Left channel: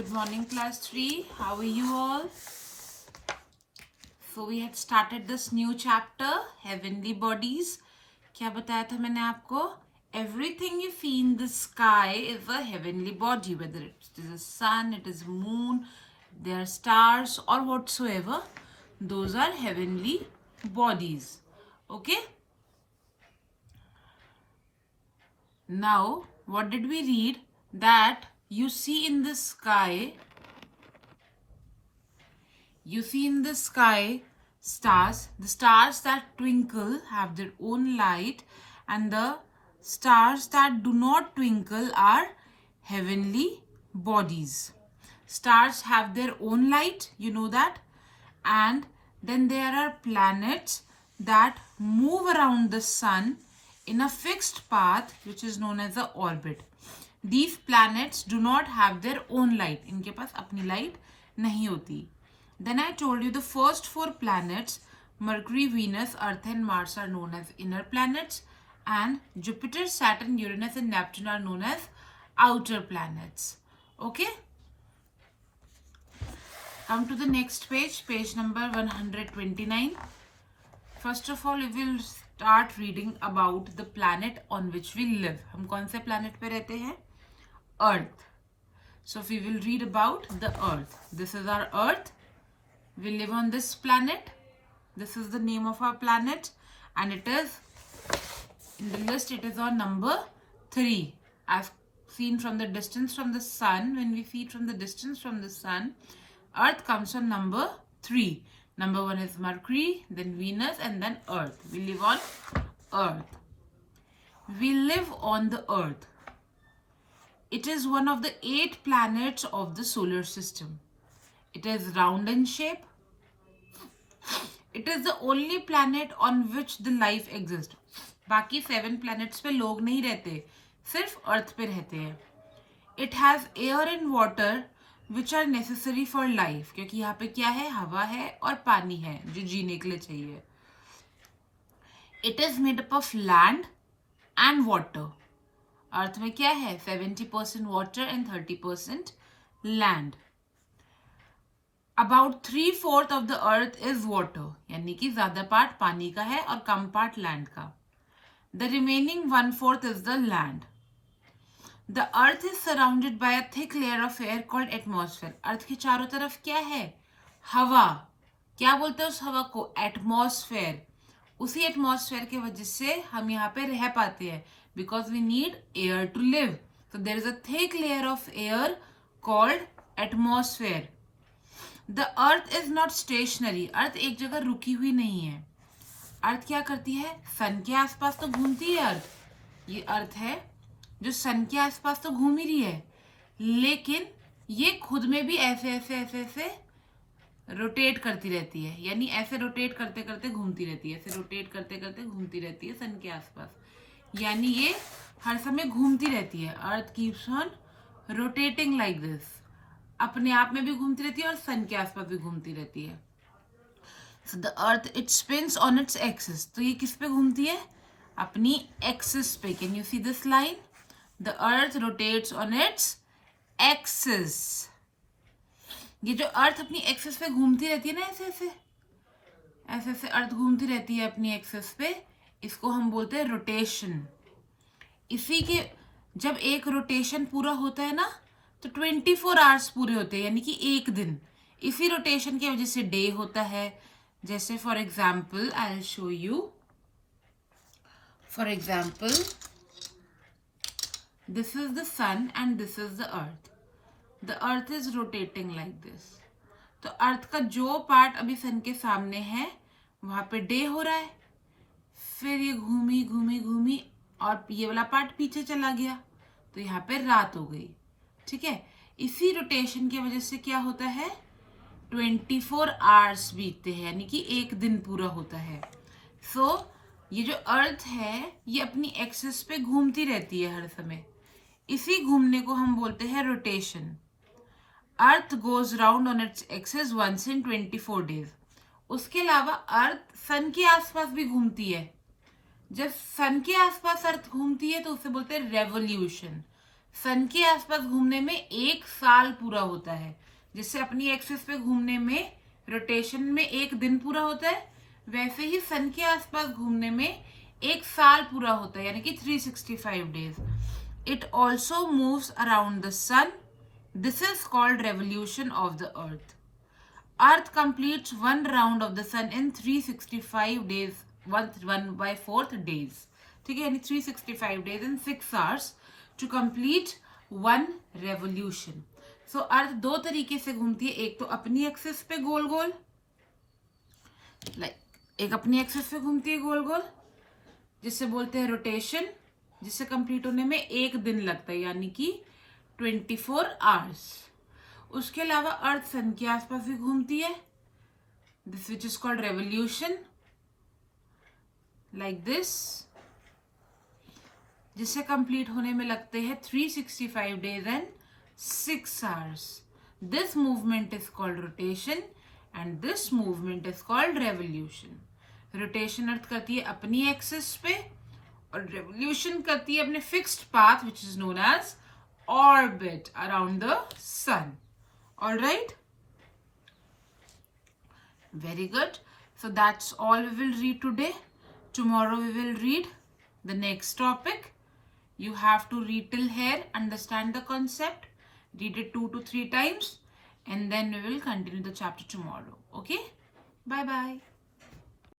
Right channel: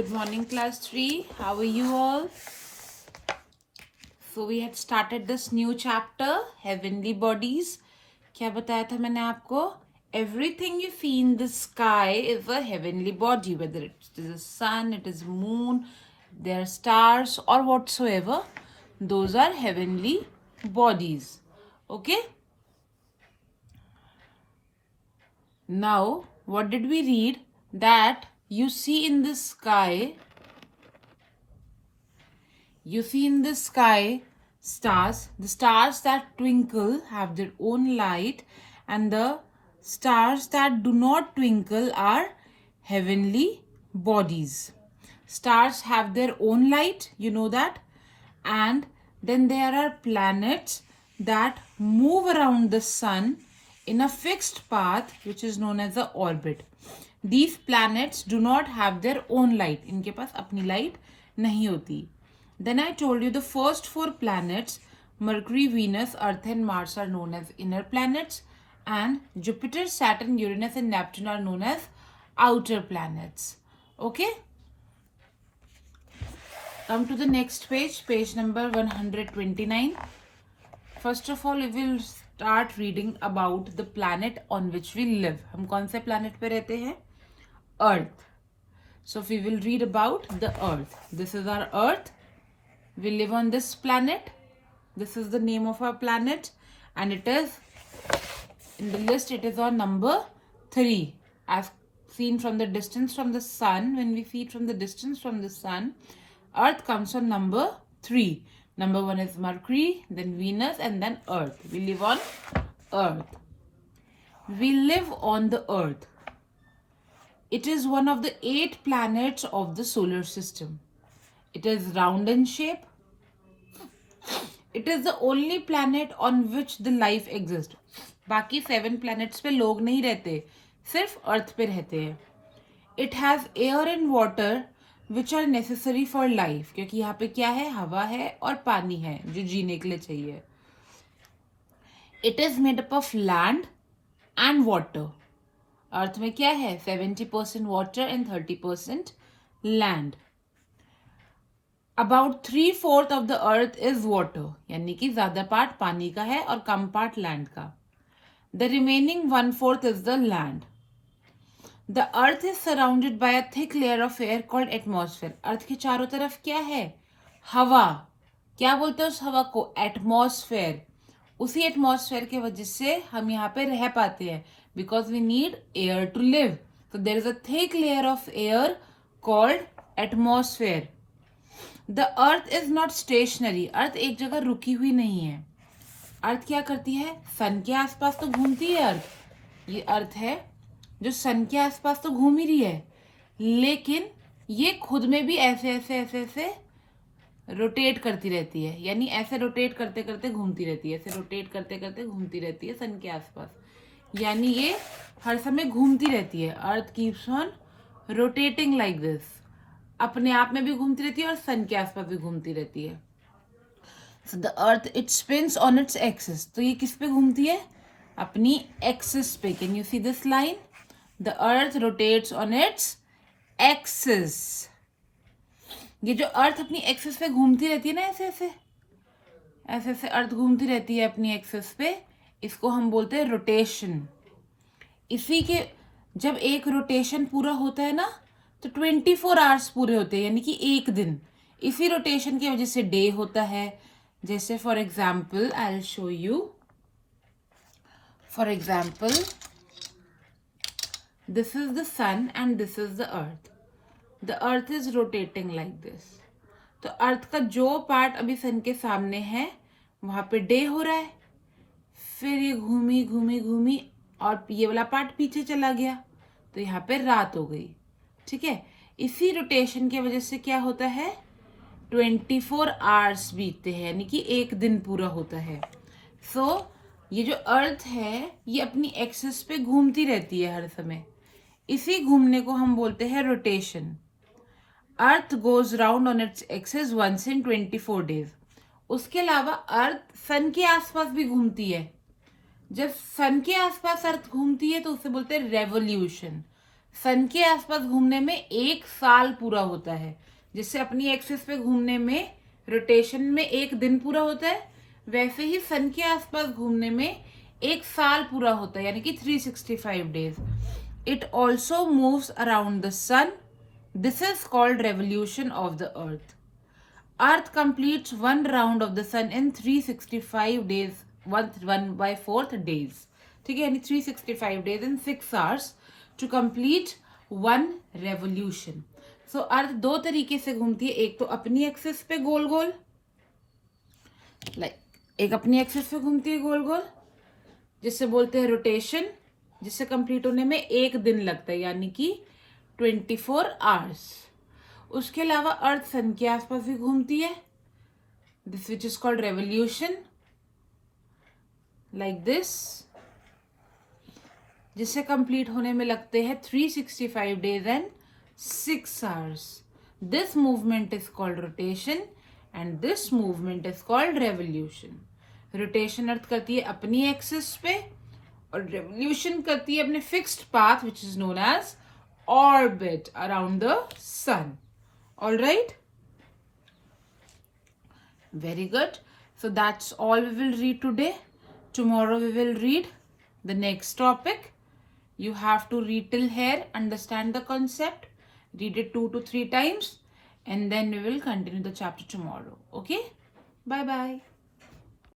Good morning, class 3. How are you all? So we had started this new chapter, Heavenly Bodies. क्या बताया था मैंने आपको? Everything you see in the sky is a heavenly body, whether it is the sun, it is moon, there are stars or whatsoever. Those are heavenly bodies. Okay? Now, what did we read? That you see in the sky stars. The stars that twinkle have their own light, and the stars that do not twinkle are heavenly bodies. Stars have their own light, you know that. And then there are planets that move around the sun in a fixed path, which is known as the orbit. These planets do not have their own light. इनके पास अपनी light नहीं होती. Then I told you the first four planets, Mercury, Venus, Earth and Mars, are known as inner planets, and Jupiter, Saturn, Uranus and Neptune are known as outer planets. Okay? Come to the next page, page number 129. First of all, we will start reading about the planet on which we live. हम कौन से planet पे रहते हैं? Earth. So we will read about the Earth. This is our Earth. We live on this planet. This is the name of our planet, and it is in the list. It is on number 3. I've seen from the distance from the sun. When we see it from the distance from the sun, Earth comes on number 3. Number 1 is Mercury, then Venus, and then Earth. We live on Earth. We live on the Earth. It is one of the 8 planets of the solar system. It is round in shape. It is the only planet on which the life exists. बाकी 7 planets पे लोग नहीं रहते, सिर्फ अर्थ पे रहते हैं. It has air and water which are necessary for life. क्योंकि यहाँ पे क्या है? हवा है और पानी है जो जीने के लिए चाहिए. It is made up of land and water. अर्थ में क्या है? 70% water and 30% land. About 3/4 of the earth is water, यानी कि ज्यादा पार्ट पानी का है और कम पार्ट लैंड का. The remaining 1/4 is the land. The earth is surrounded by a thick layer of air called atmosphere. अर्थ के चारों तरफ क्या है? हवा. क्या बोलते हैं उस हवा को? एटमॉस्फेयर. उसी एटमॉस्फेयर के वजह से हम यहाँ पे रह पाते हैं, because we need air to live. So there is a thick layer of air called atmosphere. The earth is not stationary. अर्थ एक जगह रुकी हुई नहीं है. अर्थ क्या करती है? सन के आसपास तो घूमती है अर्थ. ये अर्थ है जो सन के आसपास तो घूम ही रही है, लेकिन ये खुद में भी ऐसे ऐसे ऐसे ऐसे रोटेट करती रहती है. यानी ऐसे रोटेट करते करते घूमती रहती है, ऐसे रोटेट करते करते घूमती रहती है सन के आसपास. यानी ये हर समय घूमती रहती है. Earth keeps on rotating like this. अपने आप में भी घूमती रहती है और सन के आसपास भी घूमती रहती है. So the earth it spins on its axis. तो ये किस पे घूमती है? अपनी एक्सिस पे. Can you see this line? The earth rotates on its axis. ये जो अर्थ अपनी एक्सिस पे घूमती रहती है ना, ऐसे ऐसे ऐसे ऐसे अर्थ घूमती रहती है अपनी एक्सिस पे, इसको हम बोलते हैं रोटेशन. इसी के जब एक रोटेशन पूरा होता है ना, तो 24 आवर्स पूरे होते हैं, यानी कि एक दिन. इसी रोटेशन की वजह से डे होता है. जैसे for example I will show you. For example this is the sun and this is the earth. The earth is rotating like this. तो अर्थ का जो पार्ट अभी सन के सामने है वहां पे डे हो रहा है, फिर ये घूमी घूमी घूमी और ये वाला पार्ट पीछे चला गया, तो यहाँ पे रात हो गई. ठीक है. इसी रोटेशन की वजह से क्या होता है? 24 आवर्स बीतते हैं, यानी कि एक दिन पूरा होता है. सो ये जो अर्थ है ये अपनी एक्सिस पे घूमती रहती है हर समय. इसी घूमने को हम बोलते हैं rotation. Earth goes round on its axis once in 24 days. उसके अलावा अर्थ सन के आसपास भी घूमती है. जब सन के आसपास अर्थ घूमती है तो उसे बोलते हैं रेवोल्यूशन. सन के आसपास घूमने में 1 साल पूरा होता है। जिससे अपनी एक्सिस पे घूमने में रोटेशन में 1 दिन पूरा होता है, वैसे ही सन के आसपास घूमने में 1 साल पूरा होता है, यानी कि 365 days. It also moves around the sun. This is called revolution of the earth. Earth completes one round of the sun in 365 days, 1/4 days. ठीक है, यानी 365 days in 6 hours to complete one revolution. So अर्थ 2 तरीके से घूमती है, एक तो अपनी एक्सिस पे गोल गोल, एक अपनी एक्सिस पे घूमती है गोल गोल, जिससे बोलते हैं रोटेशन, जिससे कंप्लीट होने में 1 दिन लगता है, यानी कि 24 आवर्स। उसके अलावा अर्थ सन के आसपास भी घूमती है, this which is called revolution, like this, जिससे कंप्लीट होने में लगते हैं 365 days and 6 hours. This movement is called rotation and this movement is called revolution. Rotation earth करती है अपनी एक्सिस पे और रेवोल्यूशन करती है अपने fixed path which is known as orbit around the sun. All right, very good. So that's all we will read today. Tomorrow we will read the next topic. You have to read till here, understand the concept, read it 2 to 3 times, and then we will continue the chapter tomorrow. Okay, bye bye.